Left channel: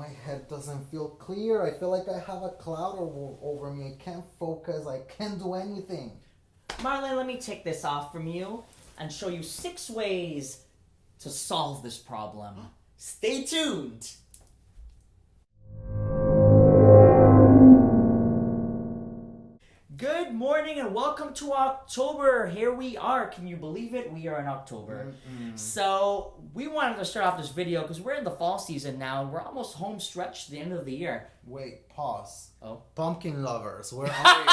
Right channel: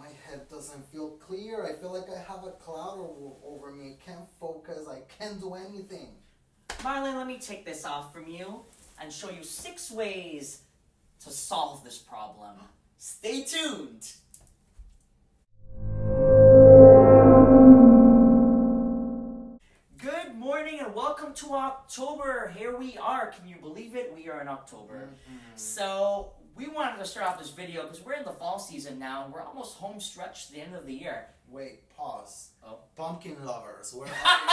my head doesn't feel clear. I feel like I have a cloud over me. I can't focus. I can't do anything. Marlon, let me take this off from you and show you 6 ways to solve this problem. Stay tuned. Good morning and welcome to October. Here we are. Can you believe it? We are in October. So we wanted to start off this video because we're in the fall season now. We're almost home stretch to the end of the year. Wait, pause. Oh. Pumpkin lovers, where are you?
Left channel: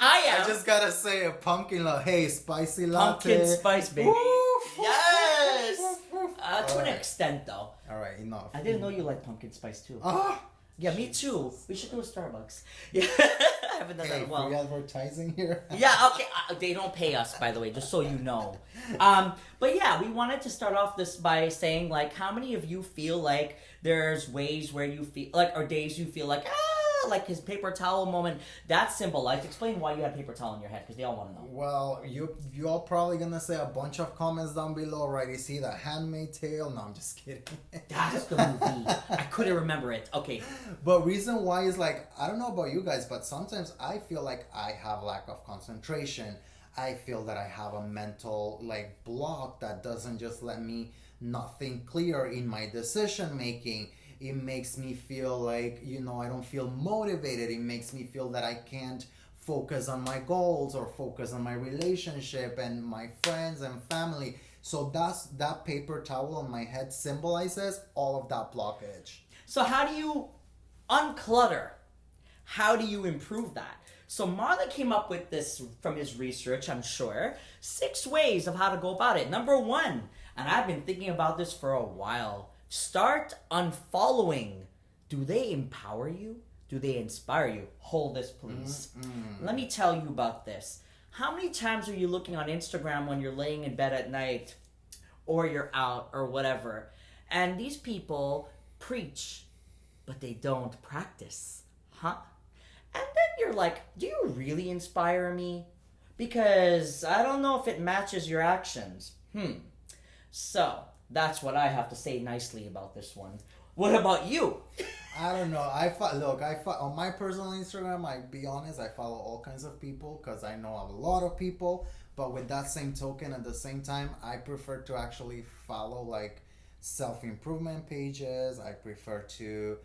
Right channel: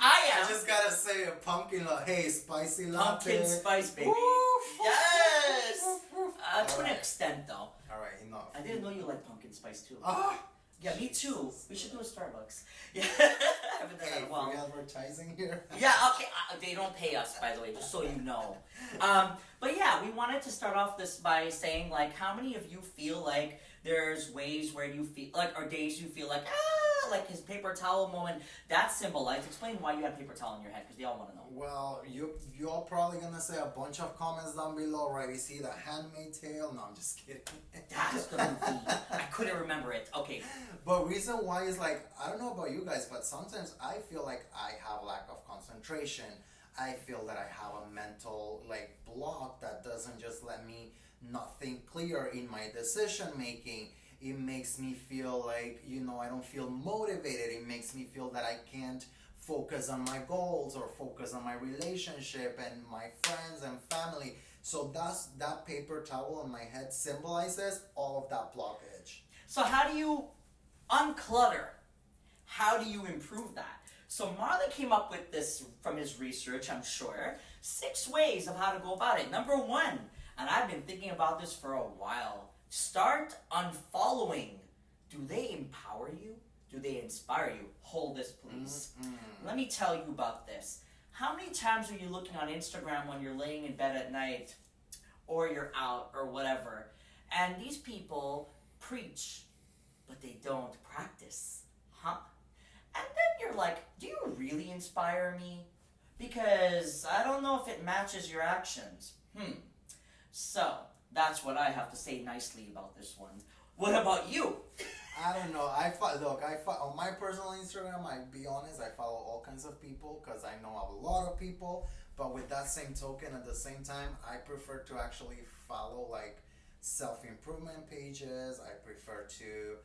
I am. I just gotta say a pumpkin love. Hey, spicy latte. Pumpkin spice, baby. Woof, Yes. To an Alright. extent, though. All right, enough. I didn't know you like pumpkin spice too. Ah, Yeah, me too. We should do a Starbucks. Yeah, I haven't done hey, that in a while. free advertising here. Yeah, okay. They don't pay us, by the way, just so you know. But yeah, we wanted to start off this by saying, like, how many of you feel like there's ways where you feel like, or days you feel like his paper towel moment, that symbolized. Explain why you had paper towel in your head, because they all want to know. Well, you all probably gonna say a bunch of comments down below, right? You see the Handmaid's Tale? No, I'm just kidding. That's the movie. I couldn't remember it. Okay. But reason why is like, I don't know about you guys, but sometimes I feel like I have lack of concentration. I feel that I have a mental like block that doesn't just let me not think clear in my decision making. It makes me feel like, I don't feel motivated. It makes me feel that I can't focus on my goals or focus on my relationship and my friends and family. So that paper towel on my head symbolizes all of that blockage. So how do you unclutter? How do you improve that? So Marlon came up with this from his research, I'm sure. 6 ways of how to go about it. Number 1, and I've been thinking about this for a while. Start unfollowing. Do they empower you? Do they inspire you? Hold this, please. Let me tell you about this. How many times are you looking on Instagram when you're laying in bed at night or you're out or whatever, and these people preach, but they don't practice? Huh? And then you're like, do you really inspire me? Because I don't know if it matches your actions. So, that's what I have to say nicely about this one. What about you? I don't know. On my personal Instagram, I be honest, I follow all kinds of people because I know a lot of people. But with that same token, at the same time, I prefer to actually follow like self-improvement pages. I prefer to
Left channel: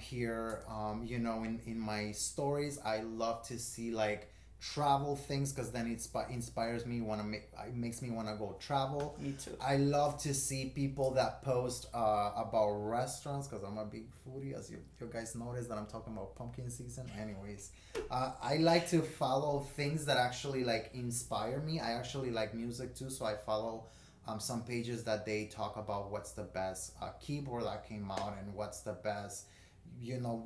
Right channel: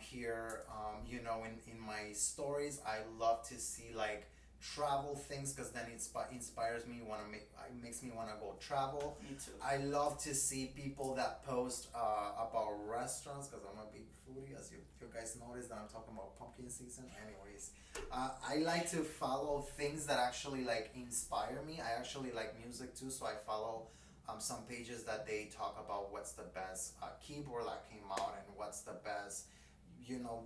hear, in my stories, I love to see like travel things because then it inspires me. It makes me want to go travel. Me too. I love to see people that post about restaurants because I'm a big foodie, as you guys noticed that I'm talking about pumpkin season. Anyways, I like to follow things that actually like inspire me. I actually like music too, so I follow some pages that they talk about what's the best keyboard that came out and what's the best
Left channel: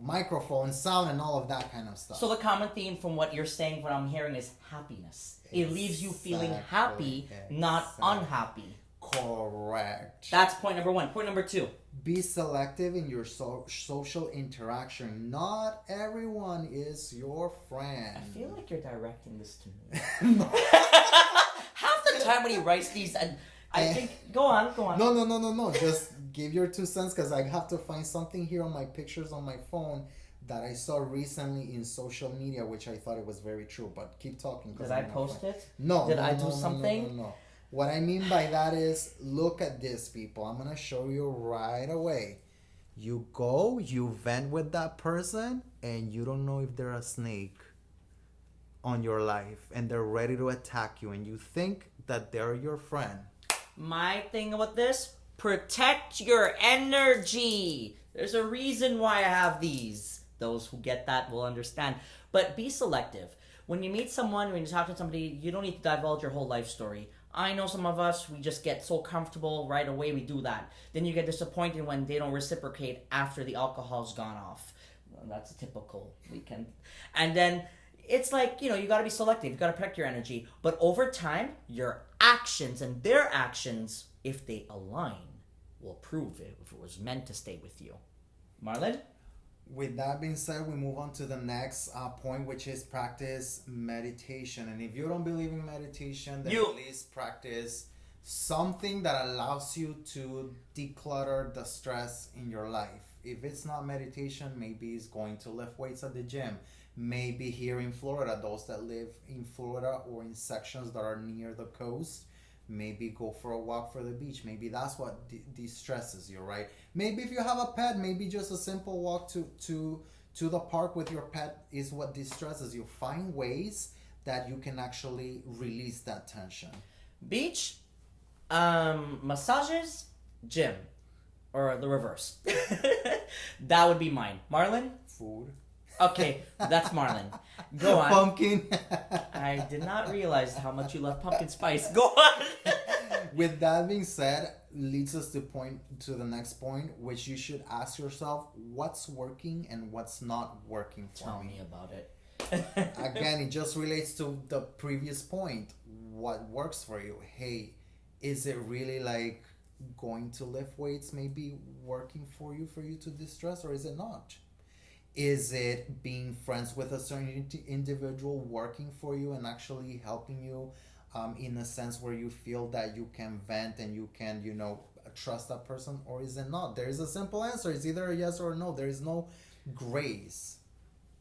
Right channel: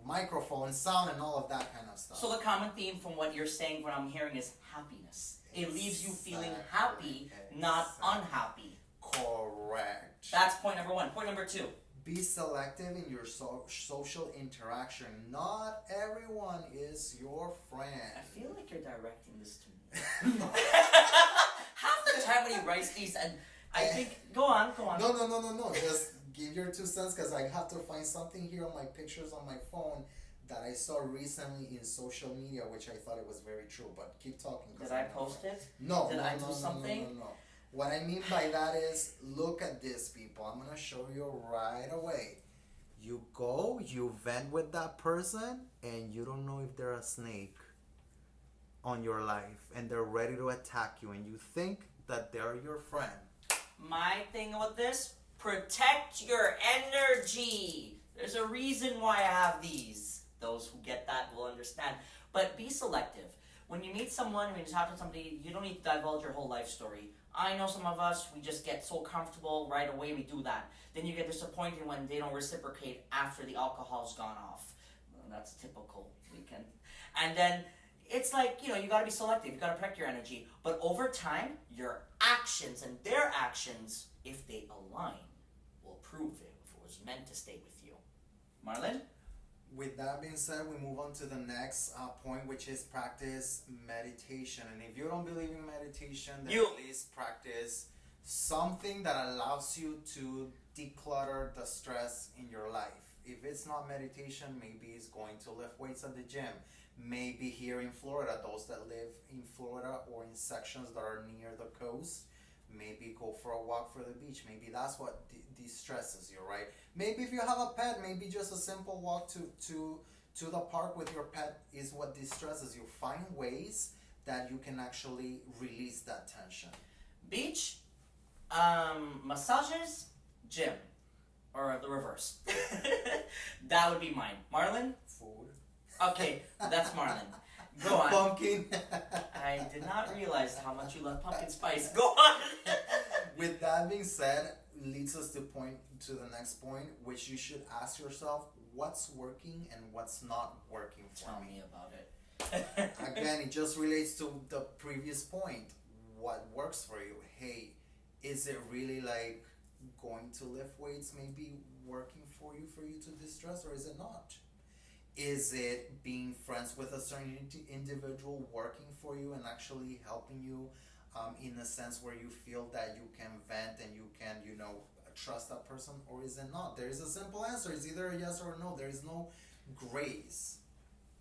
microphone sound and all of that kind of stuff. So the common theme from what you're saying, what I'm hearing, is happiness. It leaves you feeling happy, not unhappy. Correct. That's point number 1. Point number 2. Be selective in your social interaction. Not everyone is your friend. I feel like you're directing this to me. Half the time when he writes these, and I think, go on. No. Just give your 2 cents because I have to find something here on my pictures on my phone that I saw recently in social media, which I thought it was very true. But keep talking. Did I post it? No. Did I do something? No. What I mean by that is, look at this, people. I'm going to show you right away. You go, you vent with that person, and you don't know if they're a snake on your life, and they're ready to attack you, and you think that they're your friend. My thing with this, protect your energy. There's a reason why I have these. Those who get that will understand. But be selective. When you meet someone, when you talk to somebody, you don't need to divulge your whole life story. I know some of us, we just get so comfortable right away, we do that. Then you get disappointed when they don't reciprocate after the alcohol's gone off. Well, that's a typical weekend. And then it's like, you gotta be selective. You gotta protect your energy. But over time, your actions and their actions, if they align, will prove it if it was meant to stay with you. Marlon? With that being said, we move on to the next point, which is practice meditation. And if you don't believe in meditation, then at least practice something that allows you to declutter the stress in your life. If it's not meditation, maybe it's going to lift weights at the gym. Maybe here in Florida, those that live in Florida or in sections that are near the coast, maybe go for a walk for the beach. Maybe that's what de-stresses you, right? Maybe if you have a pet, maybe just a simple walk to the park with your pet is what de-stresses you. Find ways that you can actually release that tension. Beach, massages, gym, or the reverse. That would be mine. Marlon? Food. Okay, that's Marlon. Go on. Pumpkin. I did not realize how much you love pumpkin spice. Go on. With that being said, leads us to the next point, which you should ask yourself, what's working and what's not working for Tell me. me about it. Again, it just relates to the previous point. What works for you? Hey, is it really like going to lift weights maybe working for you to distress, or is it not? Is it being friends with a certain individual working for you and actually helping you in a sense where you feel that you can vent and you can, trust that person, or is it not? There is a simple answer. It's either a yes or a no. There is no grace,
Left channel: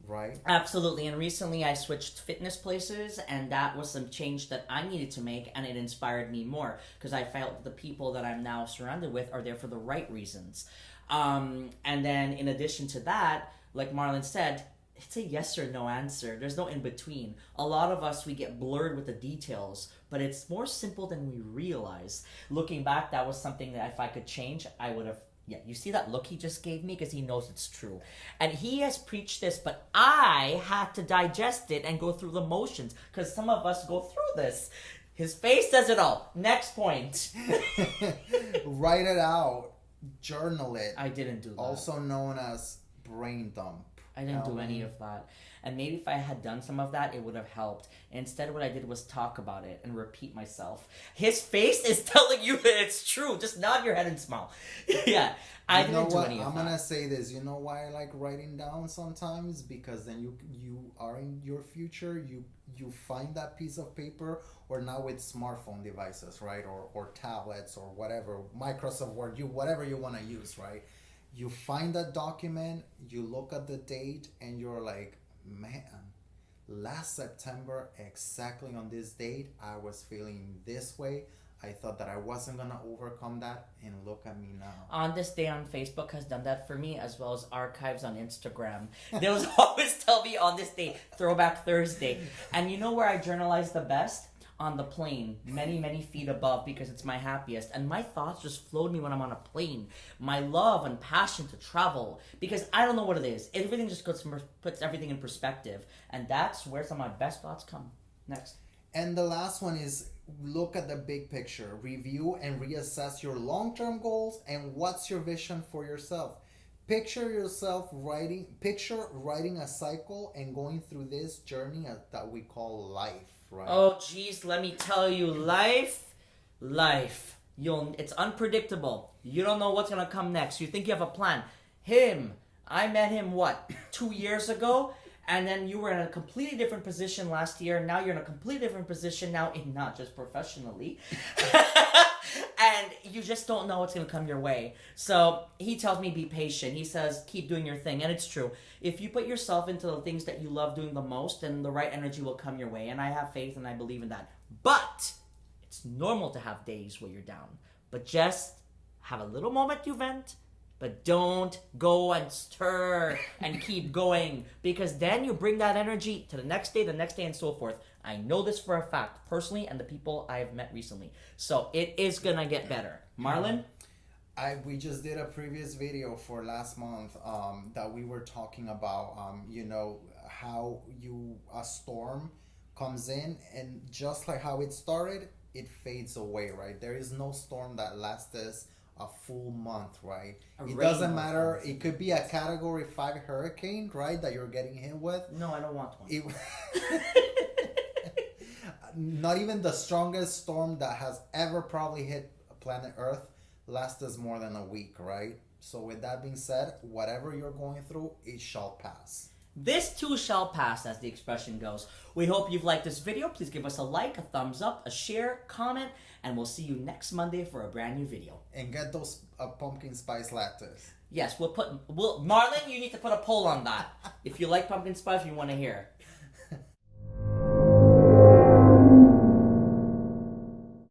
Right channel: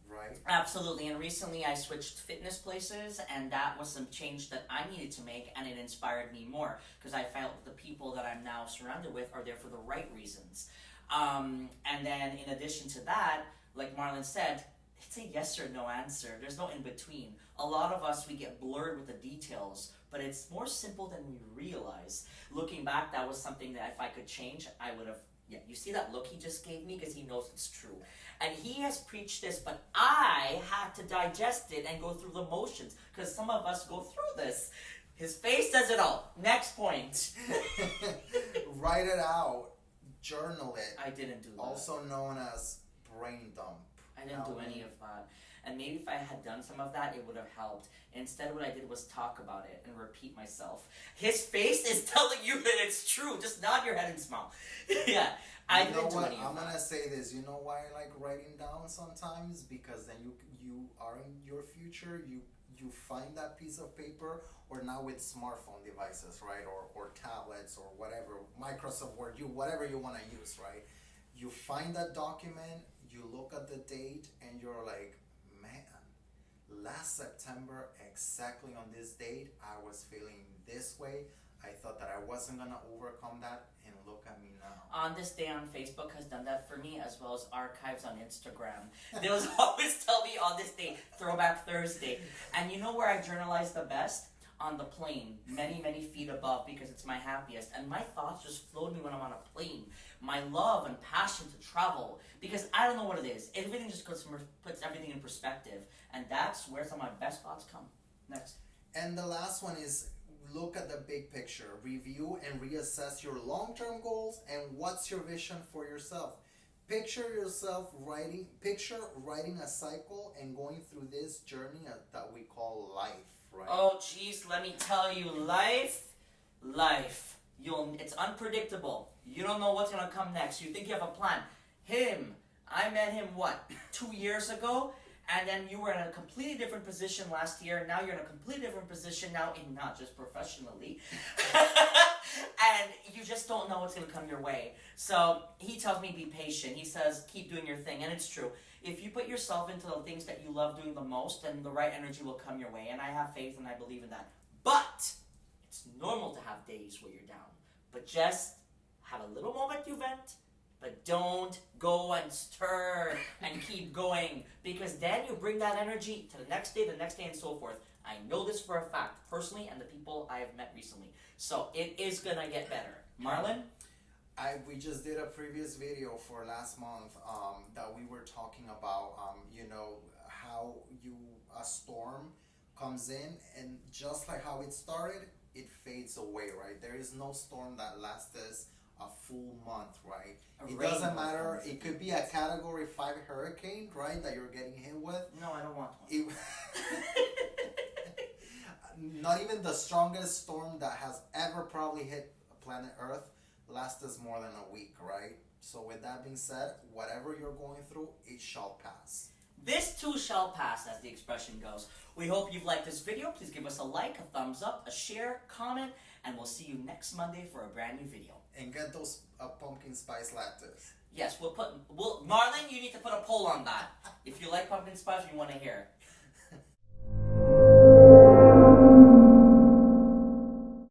right? Absolutely. And recently I switched fitness places, and that was some change that I needed to make, and it inspired me more because I felt the people that I'm now surrounded with are there for the right reasons. And then in addition to that, like Marlon said, it's a yes or no answer. There's no in between. A lot of us, we get blurred with the details, but it's more simple than we realize. Looking back, that was something that if I could change, I would have. Yeah, you see that look he just gave me? Because he knows it's true. And he has preached this, but I had to digest it and go through the motions, because some of us go through this. His face does it all. Next point. Write it out. Journal it. I didn't do that. Also known as brain dump. I didn't do any of that. And maybe if I had done some of that, it would have helped. Instead, what I did was talk about it and repeat myself. His face is telling you that it's true. Just nod your head and smile. Yeah, I didn't do any of that. I'm gonna say this. You know why I like writing down sometimes? Because then you are in your future. You find that piece of paper, or now with smartphone devices, right, or tablets or whatever, Microsoft Word, whatever you want to use, right? You find that document, you look at the date, and you're like, man, last September, exactly on this date, I was feeling this way. I thought that I wasn't going to overcome that, and look at me now. On This Day on Facebook has done that for me, as well as archives on Instagram. They'll always tell me on this day, Throwback Thursday. And you know where I journalize the best? On the plane, many, many feet above, because it's my happiest. And my thoughts just float me when I'm on a plane. My love and passion to travel, because I don't know what it is. Everything just puts everything in perspective. And that's where some of my best thoughts come. Next. And the last one is look at the big picture. Review and reassess your long-term goals and what's your vision for yourself. Picture yourself writing a cycle and going through this journey that we call life. Right. Oh, geez, let me tell you, life. It's unpredictable. You don't know what's gonna come next. You think you have a plan. I met him 2 years ago, and then you were in a completely different position last year. Now you're in a completely different position now, not just professionally. And you just don't know what's going to come your way. So he tells me be patient. He says keep doing your thing. And it's true. If you put yourself into the things that you love doing the most, then the right energy will come your way. And I have faith and I believe in that. But it's normal to have days where you're down. But just have a little moment to vent. But don't go and stir and keep going. Because then you bring that energy to the next day, and so forth. I know this for a fact, personally, and the people I've met recently. So it is going to get better. Marlon? We just did a previous video for last month that we were talking about, how a storm comes in, and just like how it started, it fades away, right? There is no storm that lasts a full month, right? It doesn't matter. It could be a Category 5 hurricane, right, that you're getting hit with. No, I don't want one. Not even the strongest storm that has ever probably hit planet Earth lasts more than a week, right? So with that being said, whatever you're going through, it shall pass. This too shall pass, as the expression goes. We hope you've liked this video. Please give us a like, a thumbs up, a share, comment, and we'll see you next Monday for a brand new video. And get those pumpkin spice lattes. Yes, Marlon, you need to put a poll on that. If you like pumpkin spice, we want to hear.